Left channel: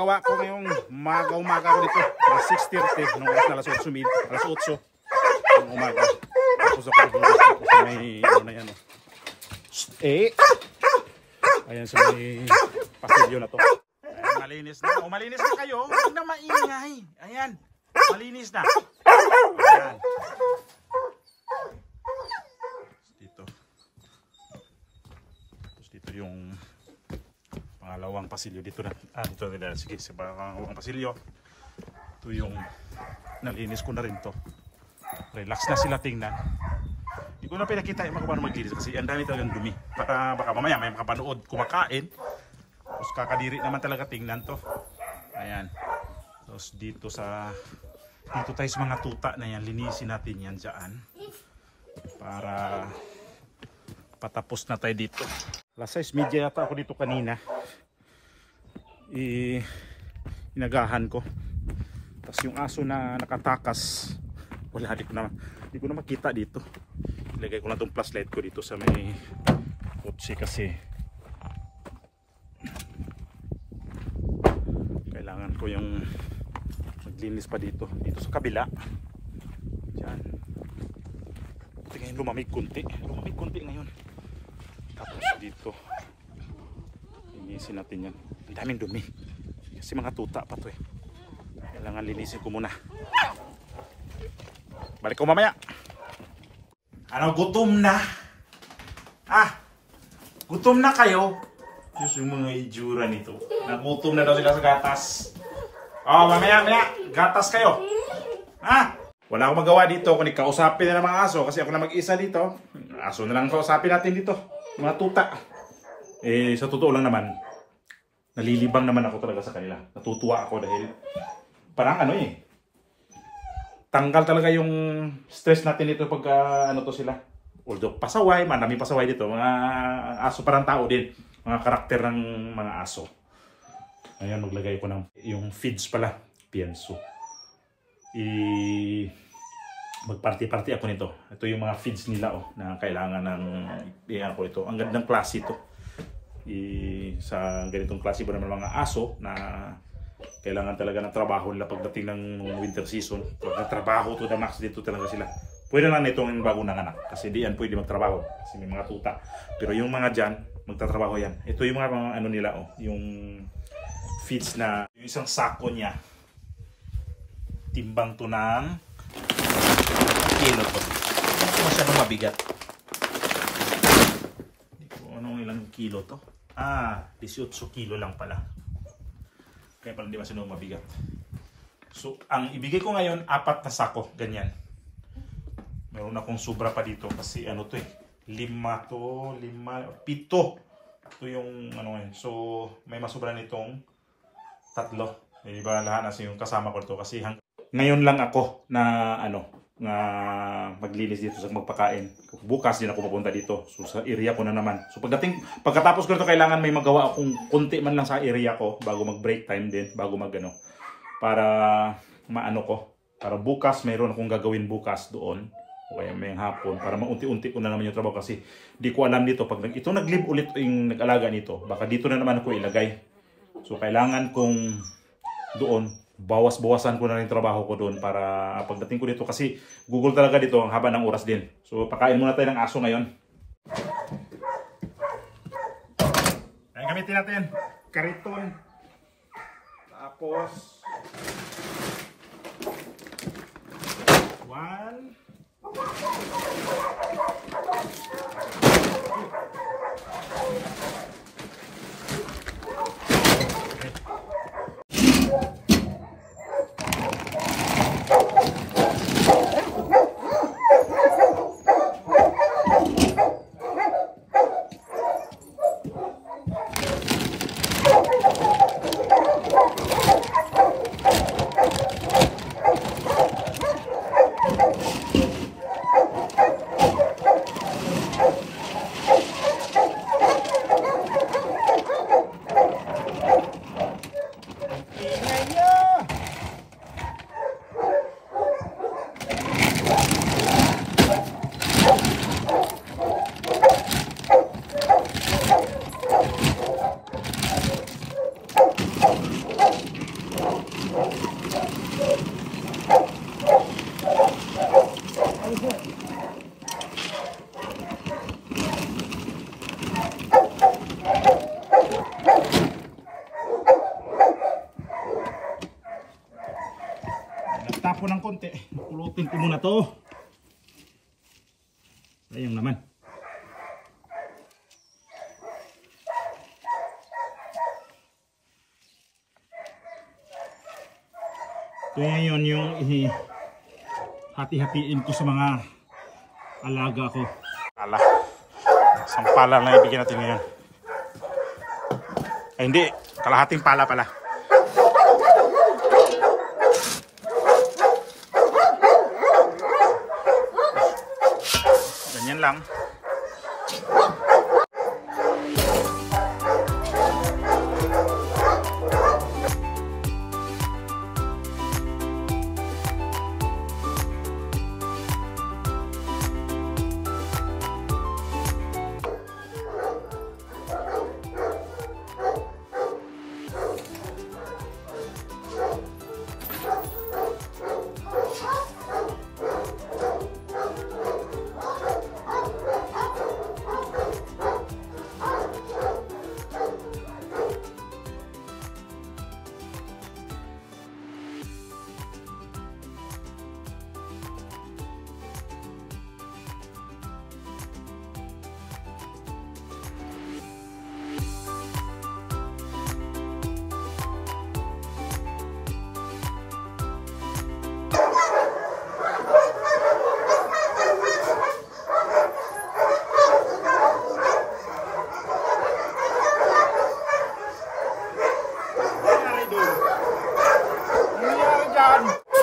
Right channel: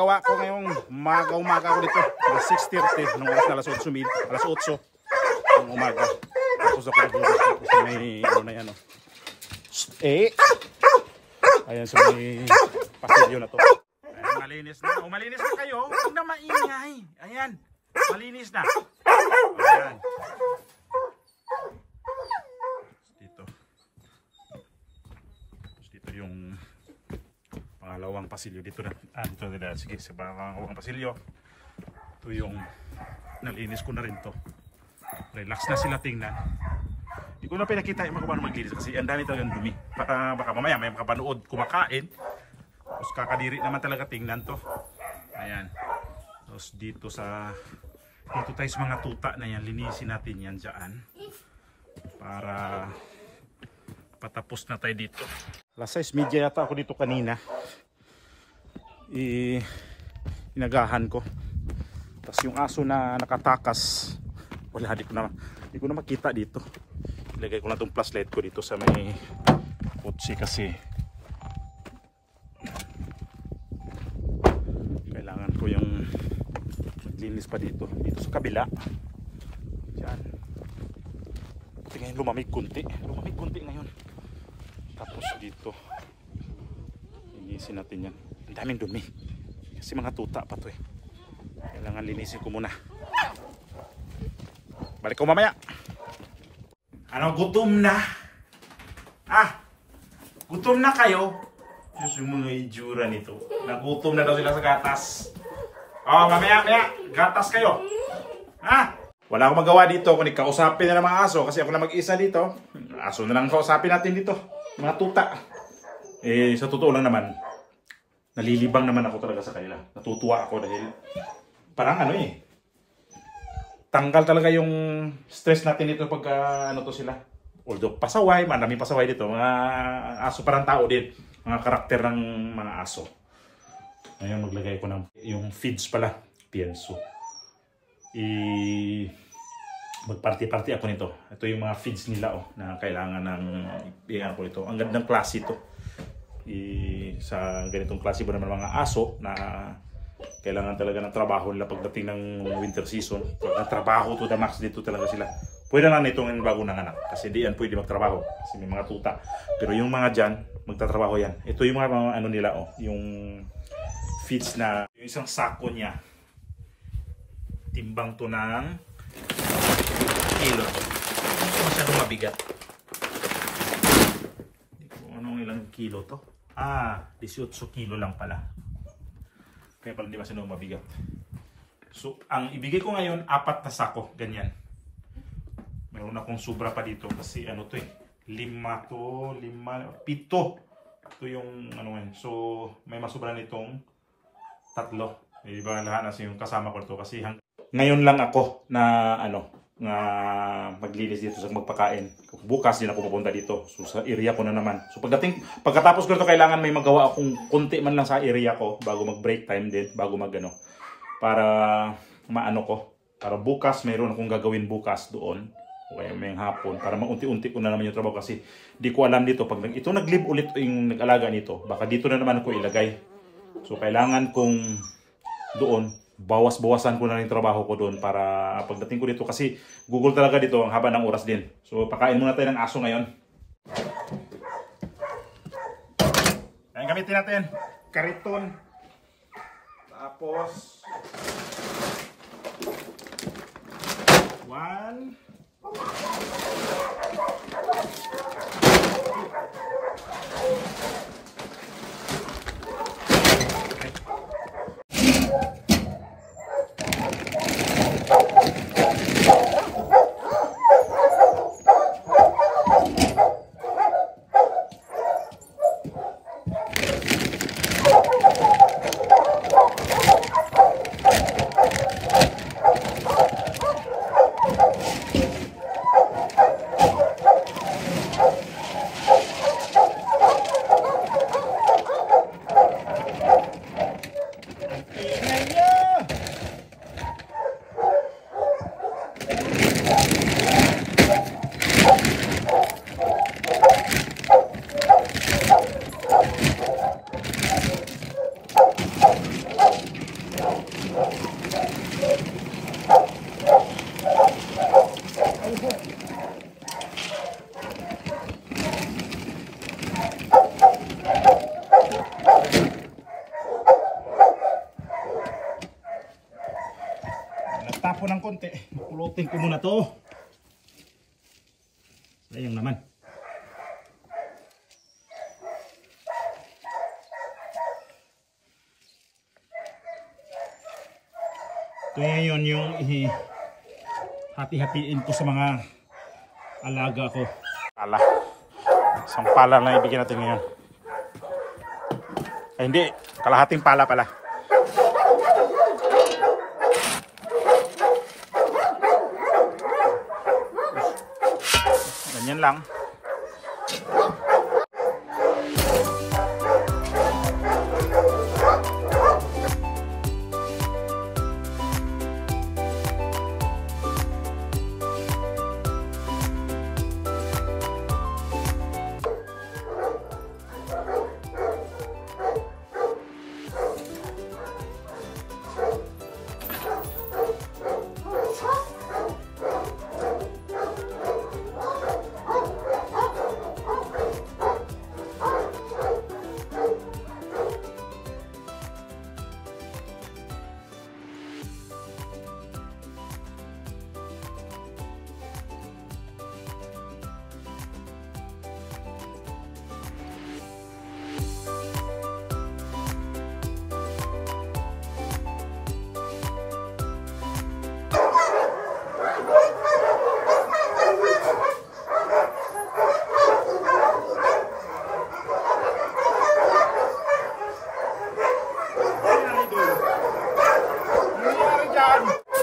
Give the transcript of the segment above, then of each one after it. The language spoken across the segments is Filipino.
ginagawa ko ngayong umaga ko dito. Alas 6:30, nung oras na alas 8 ng umaga. Tapos ako naghugas dito sa may ano na yan. Ayan sa may pasilyo na to. Ayan, malinis na. Malinis na kayo. Huwag na maingay. Ayan, malinis na. Ayan. Dito. Tapos dito yung pangalawang pasilyo. Dito na. Dito na. Sige, sa pangalawang pasilyo. Ito yung nalinis ko na rin to. Relax na sila tingnan. Hindi ko na pinakita yung mga paano maglinis kasi ang dami talagang dumi. Baka mamaya may makapanood kumakain. Tapos kakadiri naman talaga tingnan to. Ayan. Tapos dito tayo sa mga tuta na yan. Linisin natin yan dyan. Para patapos na tayo dito. Alas 6:30 yata ako dito kanina. Inagahan ko. Tapos yung aso na nakatakas. Wala, di ko na makita dito. Ilagay ko lang itong flashlight ko dito sa may kotse kasi kailangan ko yung maglinis pa dito sa kabila. Yan. Tingnan, lumamig kunti ngayon. Tapos dito linisin natin yan. Ang daming dumi kasi mga tuta pa to kailangan linisin ko muna. Balik ko mamaya. Ano, gutom na? Gutom na kayo? Diyos, yung mga itsura nito. Nagutom na daw sila sa gatas. Mamaya, gatas kayo. Wala akong magawa dito. Kung kausapin na ng mga aso, kasi ako na mag-isa dito. Aso na lang kausapin natin dito. Mga tuta. Sa totoo lang naman, nalilibang naman ako talaga sa kanila. Natutuwa ako dahil parang tanggal talaga yung stress natin dito pag to sila. Although pasaway, marami pasaway dito. Mga aso parang tao din. Mga karakter ng mga aso. Ngayon maglagay ko ng yung feeds pala. Pienso. Magparty-party ako nito. Ito yung mga feeds nila na kailangan ng ko ito. Ang gandang klase ito. Sa ganitong klase ba naman mga aso na kailangan talaga ng trabaho nila pagdating ng winter season. Pag trabaho to the max dito talaga sila. Pwede na itong bago ng anak kasi di yan pwede magtrabaho kasi may mga tuta. Pero yung mga dyan, magtatrabaho yan. Ito yung mga ano nila yung feeds na yung isang sako niya. Timbang to ng kilo. Hindi masyadong mabigat. Hindi ko anong ilang kilo to. 18 kilo lang pala. Kaya pala hindi masyadong mabigat. So, ang ibigay ko ngayon, 4 na sako. Ganyan. Meron akong sobra pa dito kasi 5 to 7. Ito yung ngayon. So, may masubra nitong 3. Diba lahat na yung kasama ko to kasi ngayon lang ako na nga maglinis dito sa magpakain. Bukas din ako pupunta dito. So sa area ko na naman. So pagkatapos ko nito kailangan may magawa akong konti man lang sa area ko bago mag-break time din, bago para para bukas mayroon akong gagawin bukas doon. O kaya may hapon para maunti-unti ko na naman yung trabaho kasi di ko alam dito pag ito nag-live ulit yung nag-alaga nito, baka dito na naman ako ilagay. So kailangan kong doon bawas-bawasan ko na rin trabaho ko doon para pagdating ko dito kasi Google talaga dito ang haba ng oras din. So pakain muna tayo ng aso ngayon. Ayan, gamitin natin kariton. Tapos 1 Nagtapo ng konti. Pulutin ko muna to. Sayang naman. Ito ngayon yung hati-hatiin ko sa mga alaga ko. Pala. Isang pala lang ibigyan natin ngayon. Ay hindi, kalahating pala pala. Ganyan lang.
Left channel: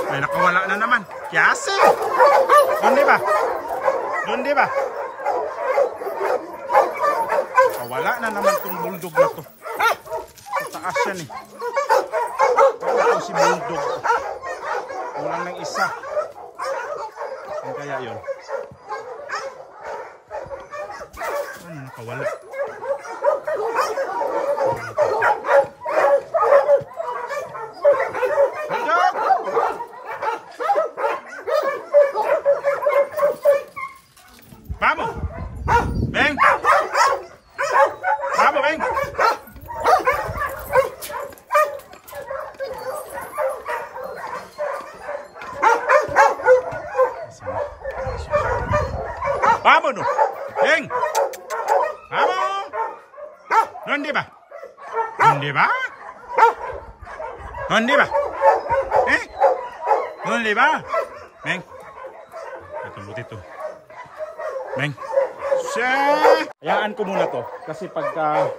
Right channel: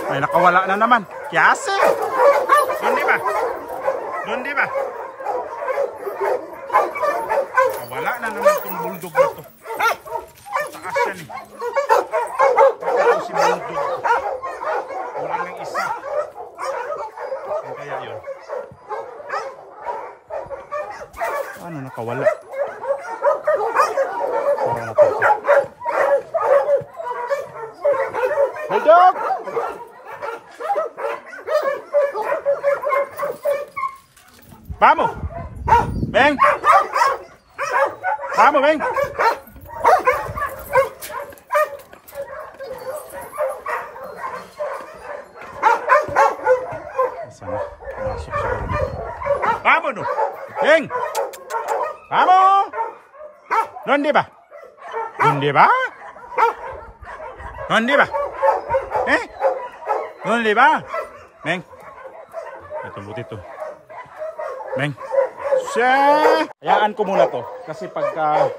May nakawala na naman. Yase! Doon di ba? Doon di ba? Wala na naman itong bulldog na to. Taas yan eh. Ito si bulldog. Kulang ng isa. Yan kaya yun. Ano nakawala? Bulldog! Vamos! Ven! Vamos, ven! Vámonos! Ven! Vamos! ¿Dónde va? ¿Dónde va? ¿Dónde va? ¿Eh? ¿Dónde va? Ven. Ito butito. Ven. Hayaan ko muna to kasi pagka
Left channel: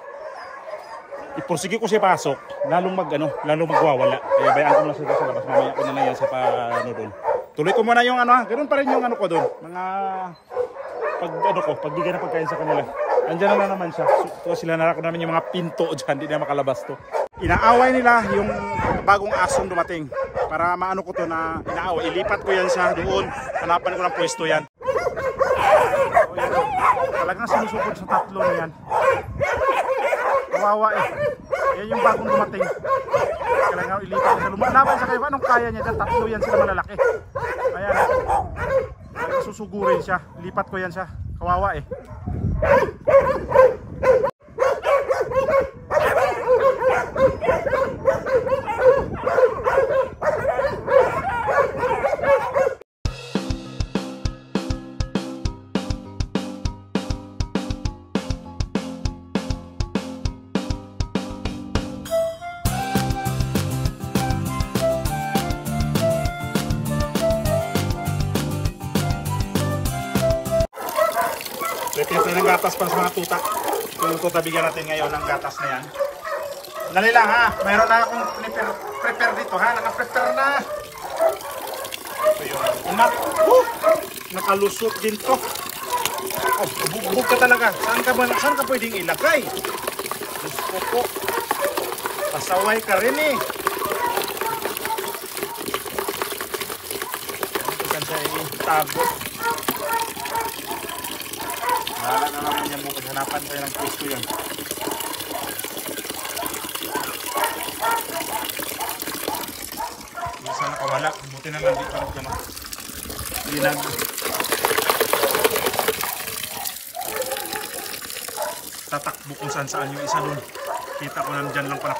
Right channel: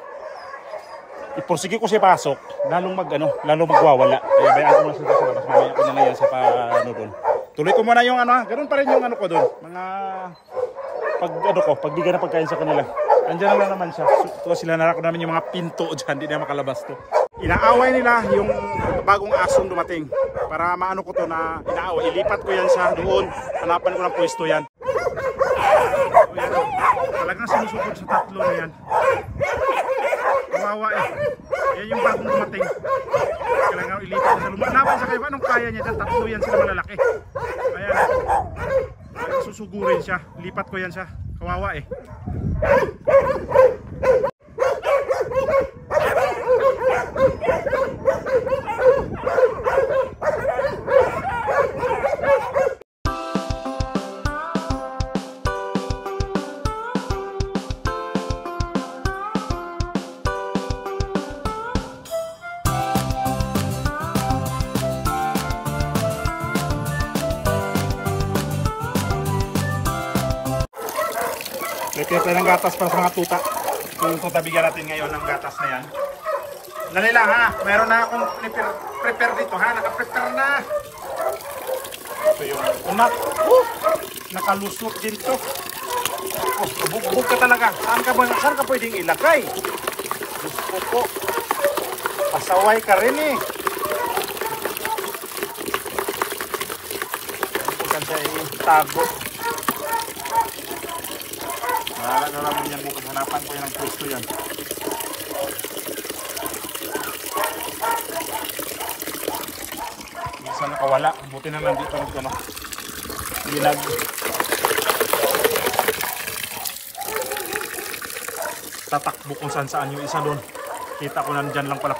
ipursige ko siya pasok, lalong magwawala. Kaya bayaan ko muna siya sa labas. Mamaya ko na lang yan siya pa doon. Tuloy ko muna yung ganoon pa rin yung ko doon. Mga pagbigay na pagkain sa kanila. Andiyan na naman siya. So, sila narako namin yung mga pinto diyan, hindi na makalabas to. Inaaway nila yung bagong asong dumating. Para maano ko to na inaaway. Ilipat ko yan sa doon. Hanapan ko ng pwesto yan. So, yan. Talagang sinusukod sa tatlo na yan. Kawawa eh. Yan yung bagong dumating. Kailangan ilipat ko sa lumalaban sa kayo. Anong kaya niya dyan? Tatlo yan sila malalaki. Ayan. Susugurin siya. Lipat ko yan siya. Kawawa eh. Prepare tayo ng gatas para sa mga tuta. Yung tuta bigyan natin ngayon ng gatas na yan. Dali lang ha. Mayroon na akong prepare dito ha. Naka-prepare na. Ito yung unak. Nakalusot din to. Oh, bugbog ka talaga. Saan ka pwedeng ilagay? Gusto ko. Pasaway ka rin eh. Bukan siya itago. Wala na naman yan bukas. Hanapan ko yan ang pwesto yan. Isa nakawala. Buti na lang dito. tatakbo kung saan yung isa doon. Kita ko nandyan lang pala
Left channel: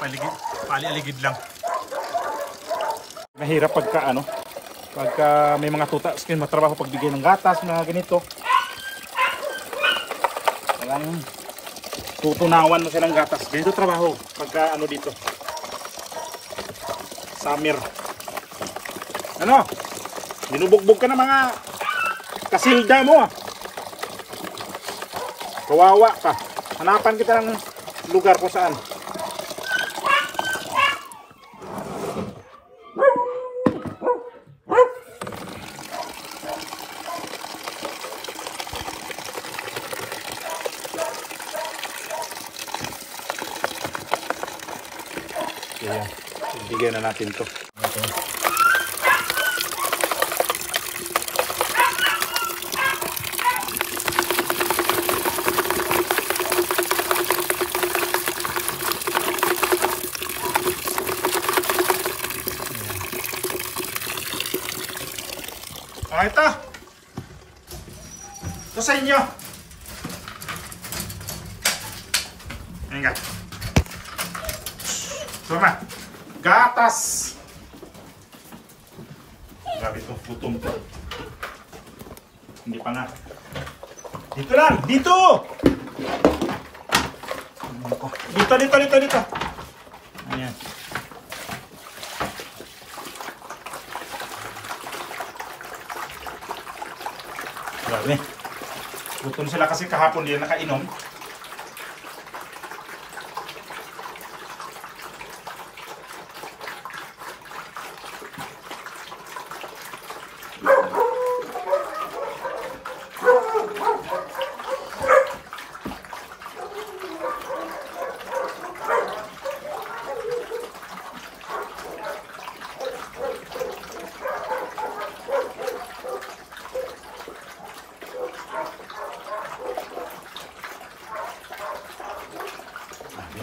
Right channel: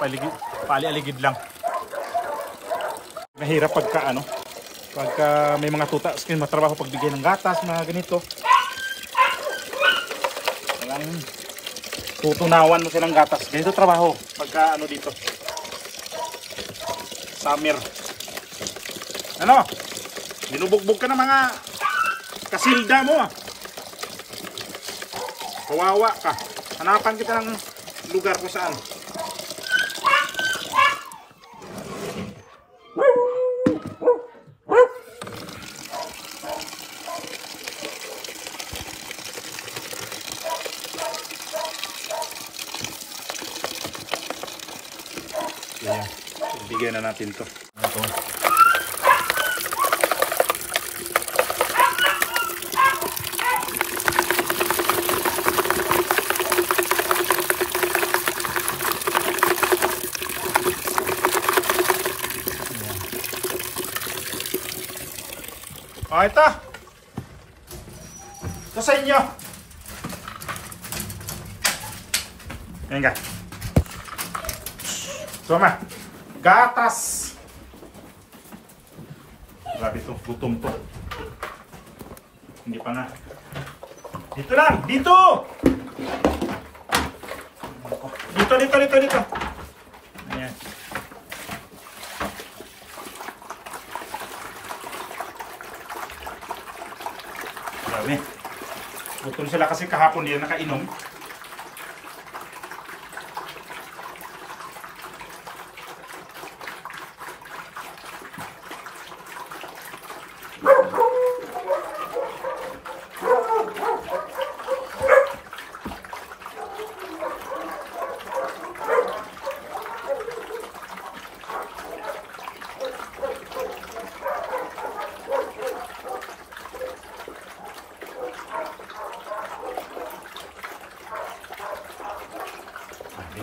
pali-aligid lang. Mahirap pagka may mga tuta, matrabaho pagbigay ng gatas, mga ganito. Walang tutunawan mo silang gatas. Ganito trabaho pagka dito. Summer. Binubugbog ka ng mga kasilda mo. Kawawa ka. Hanapan kita ng lugar kung saan. Ayan. Bigyan na natin to. Ito. Ito. Ito sa inyo. Ayan ka. Suma. Gatas. Grabe itong gutom to. Hindi pa nga. Dito lang. Dito. Dito. Ayan. Grabe. Gutom sila kasi kahapon nila nakainom.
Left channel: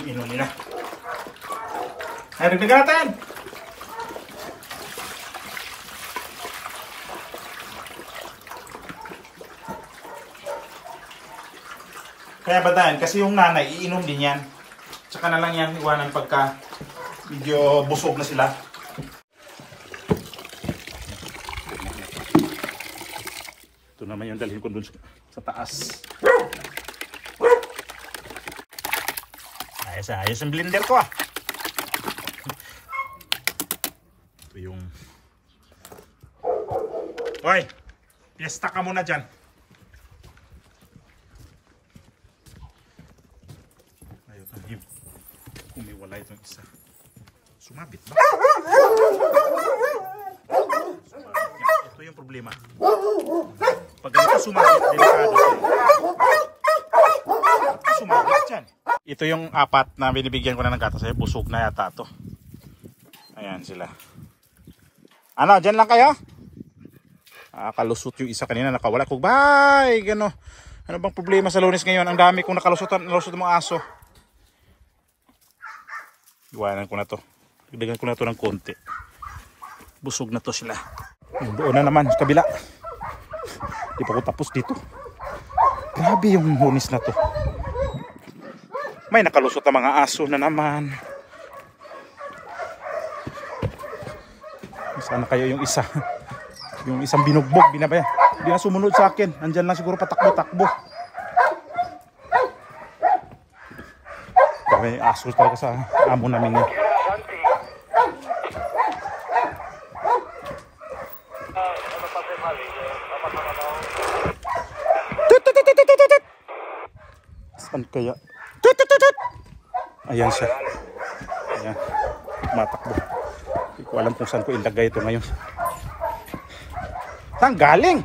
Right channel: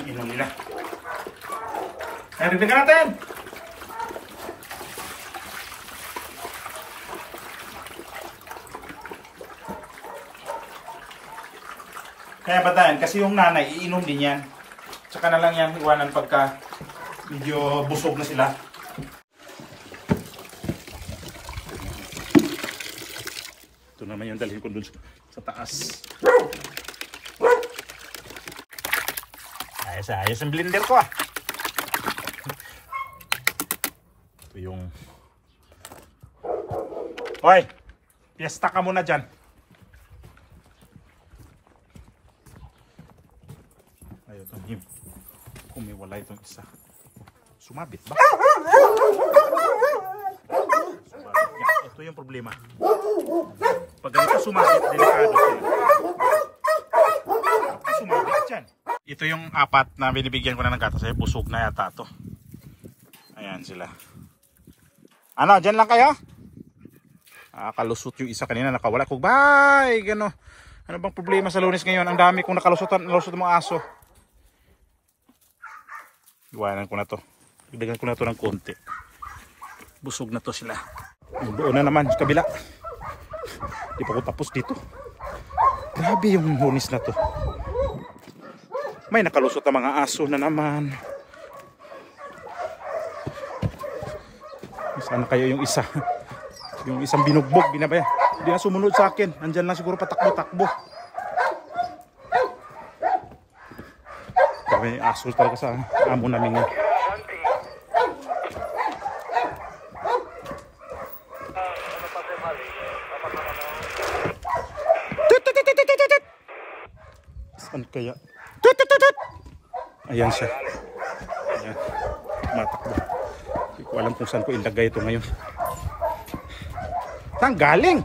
Inom nila. Ay, rindigan natin! Kaya ba dahil? Kasi yung nanay, iinom din yan. Tsaka na lang yan iwanan pagka medyo busog na sila. Ito naman yung dalhin ko dun sa taas. Ayos ang blender ko ah. Ito yung... Hoy! Piyesta ka muna dyan. Ayun, kumiwala itong isa. Sumabit ba? Ito yung problema. Pag ganito sumabit, delikado. Sumabit dyan. Ito yung apat na binibigyan ko na ng gatas. Ay, busog na yata to. Ayan sila. Ano, dyan lang kayo? Kalusot yung isa kanina, nakawala. Bye! Gano. Ano bang problema sa Lunes ngayon? Ang dami kong nakalusot mga aso. Iwanan ko na to. Ibigyan ko na to ng konti. Busog na to sila. Doon na naman, kabila. Di pa ko tapos dito. Grabe yung Lunes na to. May nakalusot na mga aso na naman. Sana kaya yung isa. Yung isang binugbog, binabaya. Hindi na sumunod sa akin. Andyan lang siguro patakbo-takbo. May aso talaga sa amo namin yan. Saan kaya? Ayan siya. Ayan. Matakbo. Hindi ko alam kung saan ko ilagay ito ngayon. Saan galing?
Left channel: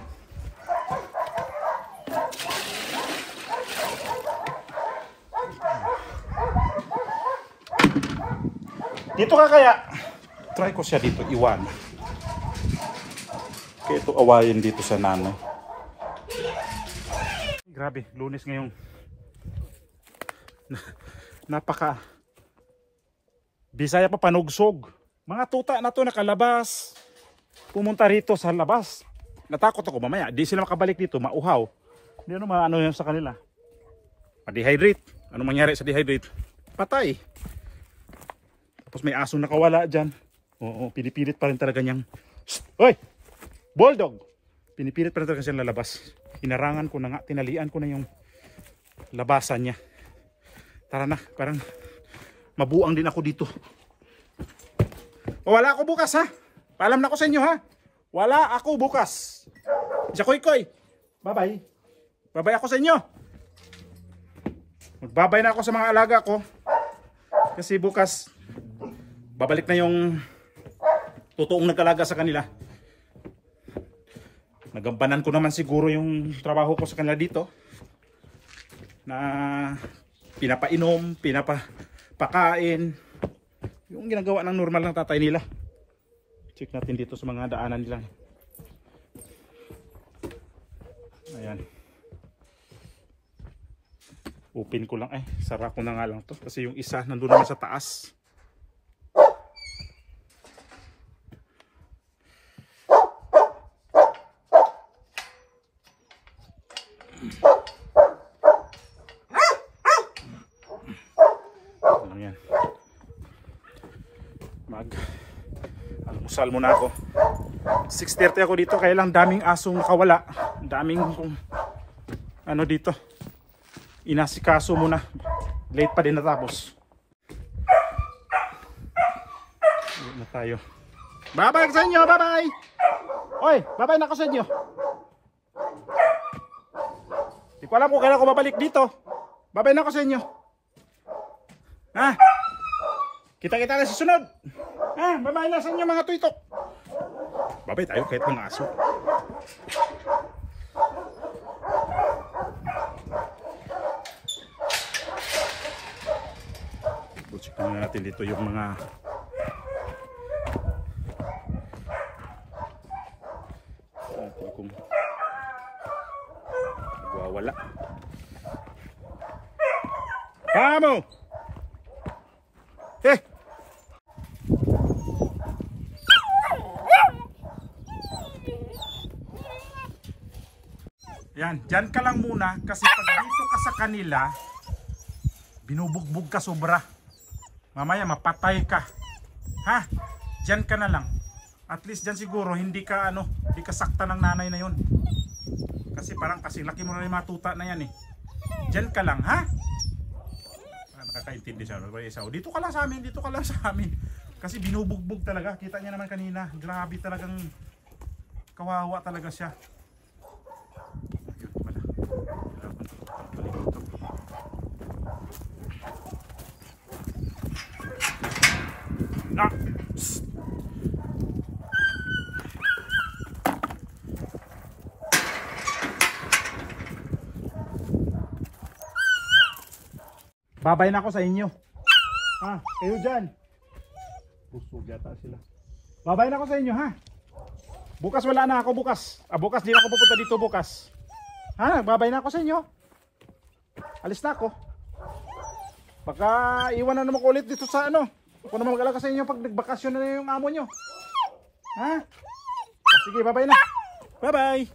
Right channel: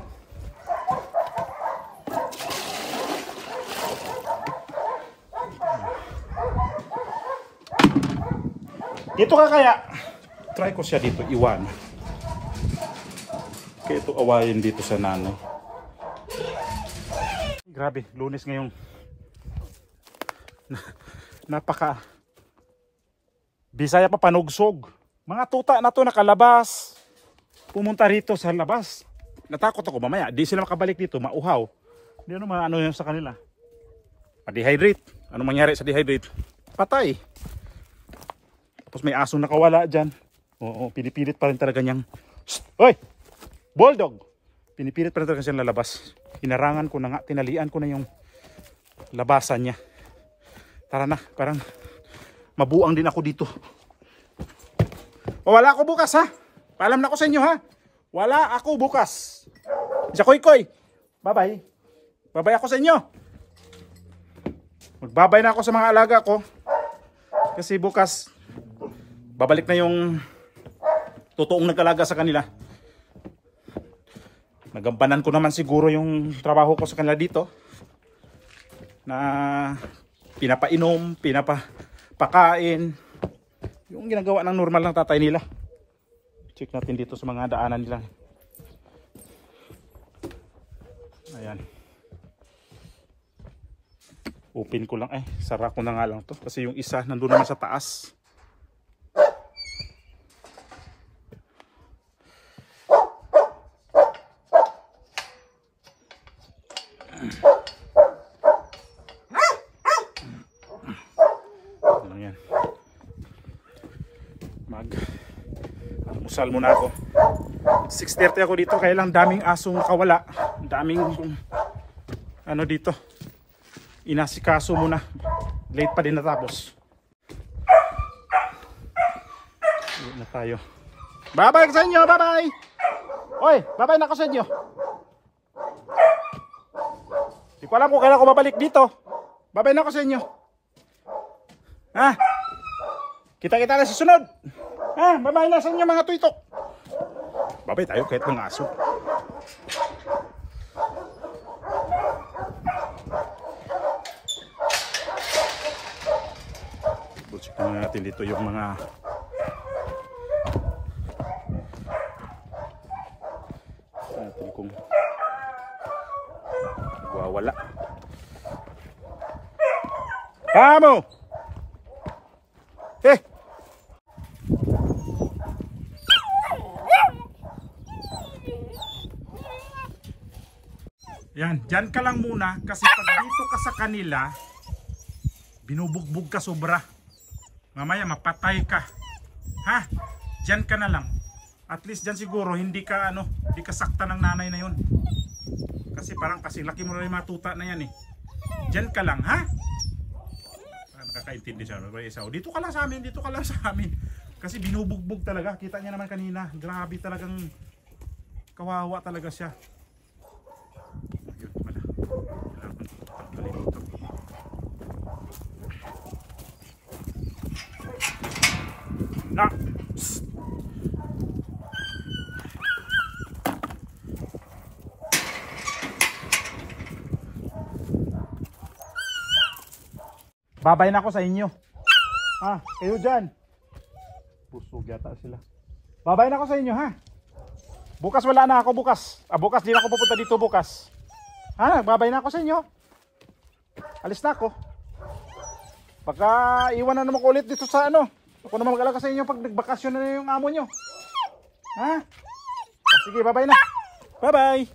Dito ka kaya? Try ko siya dito, iwan. Kaya ito awayin dito sa nanay. Grabe, Lunes ngayong napaka Bisaya pa panugsog. Mga tuta na to nakalabas. Pumunta rito sa labas. natakot ako mamaya. Di sila makabalik dito, mauhaw. Hindi ano maano yun sa kanila. Pa-dehydrate. Ano mangyari sa dehydrate? Patay. Tapos may asong nakawala dyan. Oo, pinipilit pa rin talaga niyang... Hoy! Bulldog! Pinipilit pa rin talaga siyang lalabas. Hinarangan ko na nga, tinalian ko na yung labasan niya. Tara na, parang mabuang din ako dito. O, wala ako bukas ha. Paalam na ako sa inyo ha. Wala ako bukas. Sa koy-koy. Bye-bye. Bye-bye ako sa inyo. Magbabay na ako sa mga alaga ko. Kasi bukas, babalik na yung totoong nag-alaga sa kanila. Nagampanan ko naman siguro yung trabaho ko sa kanila dito. Na pinapainom, pinapakain. Yung ginagawa ng normal ng tatay nila. Check natin dito sa mga daanan nila. Ayan. Open ko lang sara ko na nga lang to kasi yung isa nandun naman sa taas. Ano yan? Almusal muna ako. 6:30 ako dito kaya lang daming asong nakawala. Daming ano dito. Inasikaso muna. Late pa din natapos. Uwi na tayo. Bye-bye sa inyo. Bye-bye. Oy, bye-bye na ako sa inyo. Di ko alam kung kailan ako babalik dito. Bye-bye na ako sa inyo. Ha? Kita-kita na sa sunod. Ha? Bye-bye na sa inyo mga tuitok. Bye-bye tayo kahit ng aso. Bulsikan natin dito yung mga natin kung nagwawala. Kamo! Yan, dyan ka lang muna kasi pag dito ka sa kanila, binubugbog ka sobra. Mamaya mapatay ka. Ha? Dyan ka na lang. At least dyan siguro hindi ka hindi ka sakta ng nanay na yun. Kasi parang kasi laki mo na yung matuta na yan eh. Dyan ka lang, ha? Nakakaintindi siya. Dito ka lang sa amin, dito ka lang sa amin. Kasi binubugbog talaga. Kita niya naman kanina. Grabe talagang kawawa talaga siya. Na. Babay na ako sa inyo. Ha, kayo dyan. Busog yata sila. Babay na ako sa inyo ha. Bukas wala na ako bukas. Bukas di na ako pupunta dito bukas. Ha, babay na ako sa inyo. Alis na ako. Baka iwan na naman ko ulit dito sa Ako naman mag-alaga sa inyo pag nagbakasyon na yung amo nyo. Ha? Sige, bye-bye na. Bye-bye.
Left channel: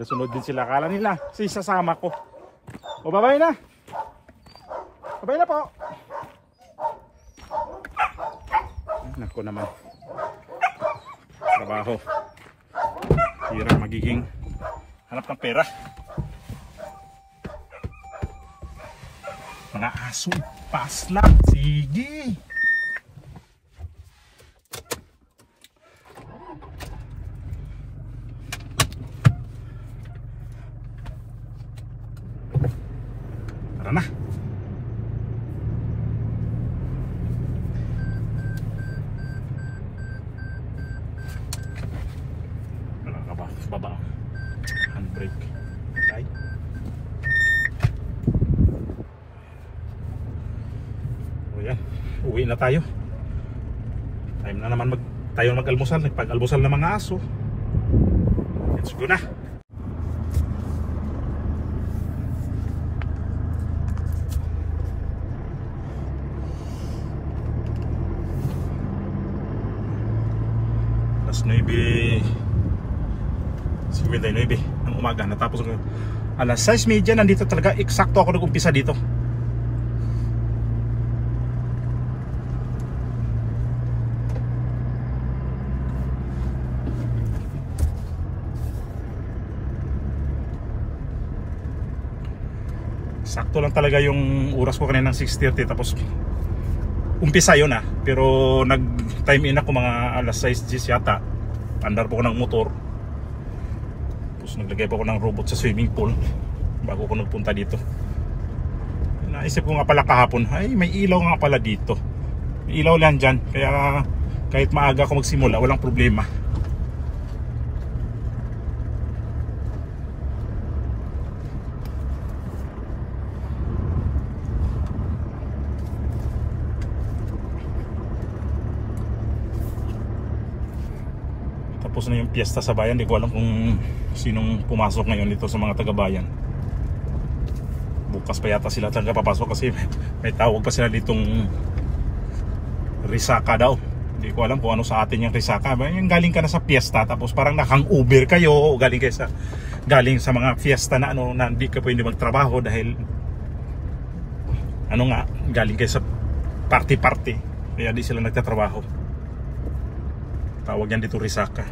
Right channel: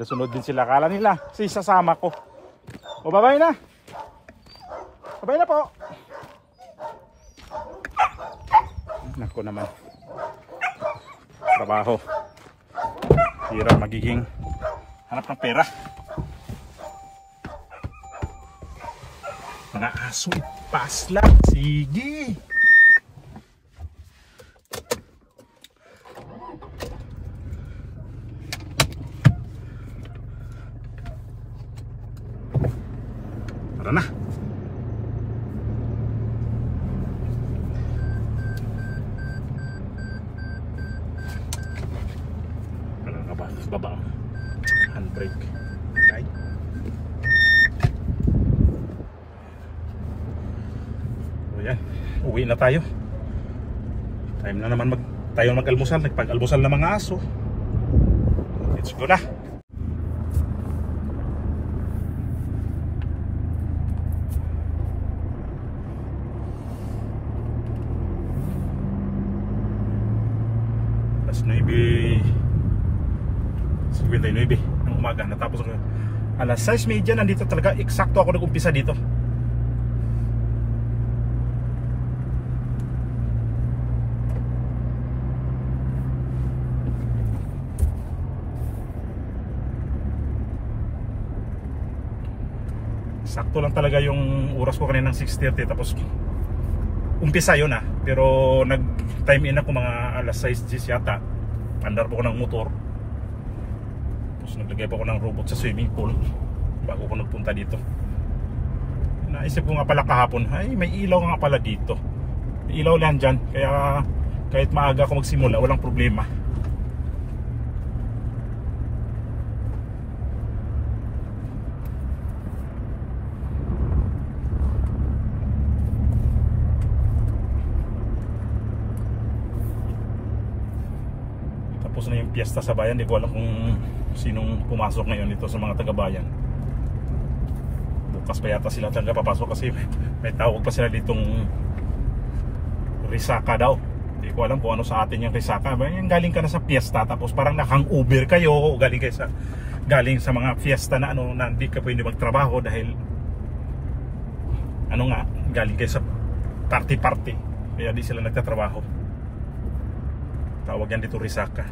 Sunod din sila. Akala nila, sasama ko. O, bye-bye na. Bye-bye na po. Nako naman. Trabaho. Hirap magiging hanap ng pera. Mga aso, pas lang. Sige. Tara na. Wala ka ba? Sa baba. Handbrake. Right? Yan, uwi na tayo. Time na naman tayo mag-almusal. Nagpag-almusal na mga aso. Let's go na. 9:59 ng umaga. Natapos ako alas 6:30. Nandito talaga, eksakto ako nag-umpisa dito. Sakto lang talaga yung oras ko kanina ng 6:30, tapos umpisa yun pero nag time in ako mga alas 6:10 yata. Andar po ko ng motor, tapos naglagay po ko ng robot sa swimming pool bago ko nagpunta dito. Naisip ko nga pala kahapon, ay may ilaw nga pala dito, may ilaw lang dyan, kaya kahit maaga ako magsimula walang problema. Tapos na yung piyesta sa bayan. Hindi ko alam kung sinong pumasok ngayon dito sa mga taga-bayan. Bukas pa yata sila talaga papasok kasi may tawag pa sila ditong risaka daw. Hindi ko alam kung ano sa atin yung risaka. Yung galing ka na sa piyesta tapos parang nakang-Uber kayo o galing sa mga fiesta na na hindi ka pwede magtrabaho dahil galing kayo sa party-party, kaya di sila nagtatrabaho. Tawag yan dito risaka.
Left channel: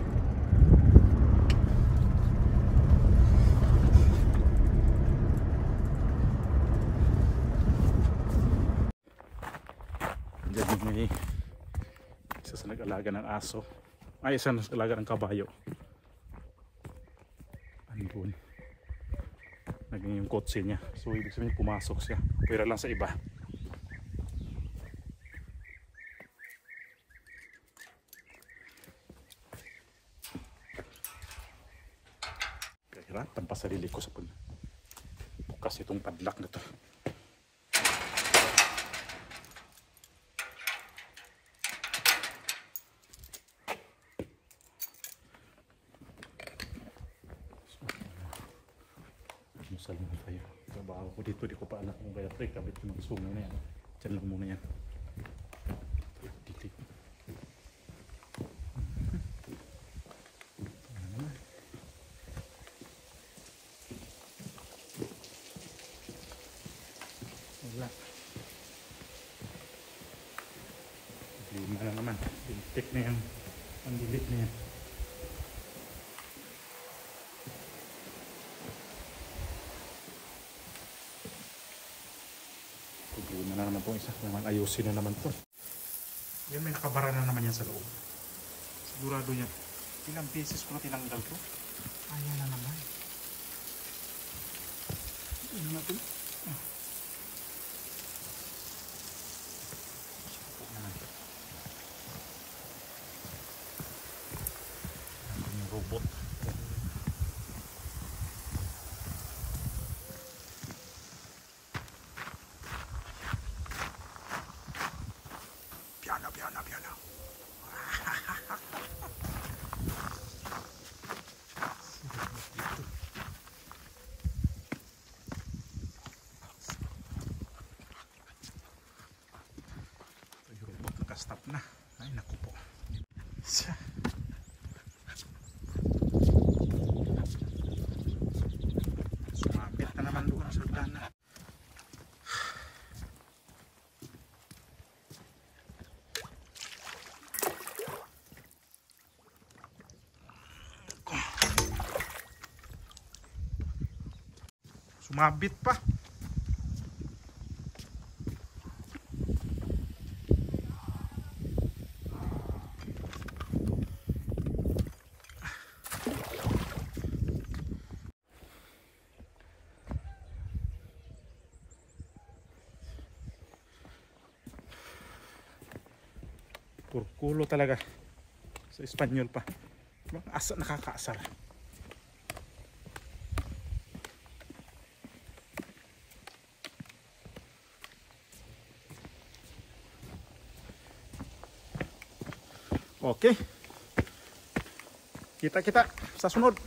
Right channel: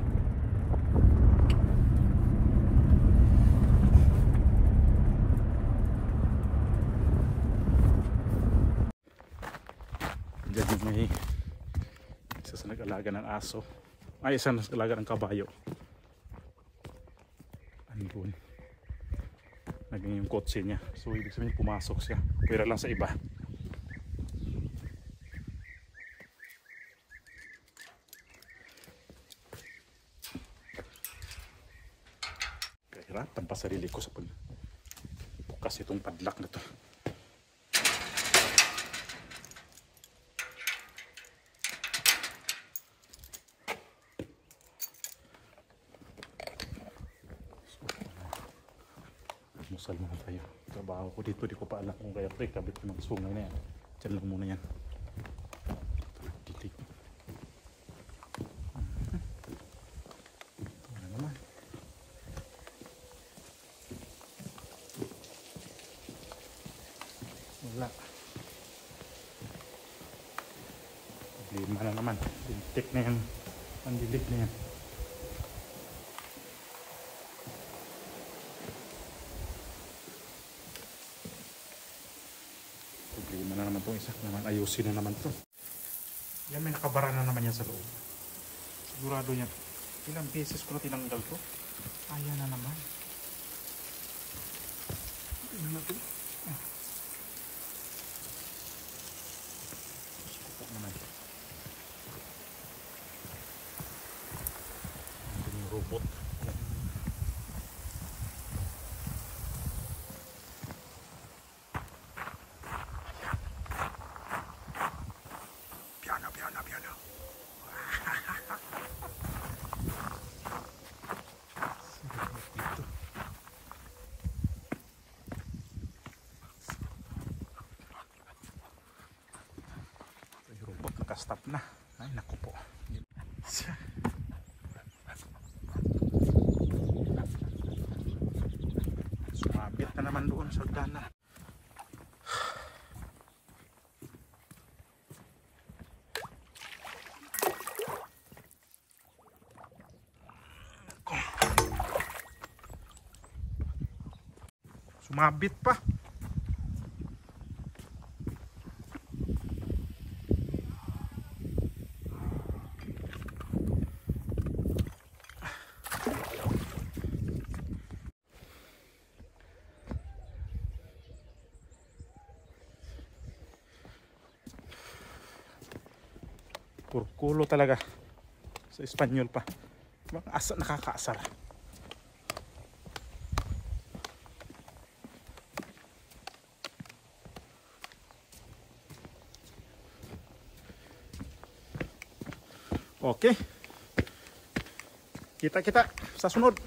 Diyan may isa sa nag-alaga ng aso. Ay, isa nag-alaga ng kabayo. Andun. Naging yung kotse niya. So ibig sabihin pumasok siya. Pero lang sa iba. Kahirapan pa sarili ko sa pagbukas itong padlock na to. Musal muna tayo. Trabaho ko dito, di ko pa alam kung kaya kabit ko ng sungay na yan. Diyan lang muna yan. Dito. Ito na naman. Wala. Lima na naman. Lintik na yan. Pandilit na yan. Problema na naman itong isa. Naman ayusin na naman ito. Yan, may nakabara na naman yan sa loob. Sigurado yan. Ilang beses ko na tinanggal to. Ayan na naman. Ano na ito? Supok naman. Nandun yung robot. Stop na. Ay naku po. Sumabit na naman doon sa dana. Sumabit pa. Kurkulo talaga. Sa Espanyol pa. Nakakaasar. Okay. Kita-kita sa sunod.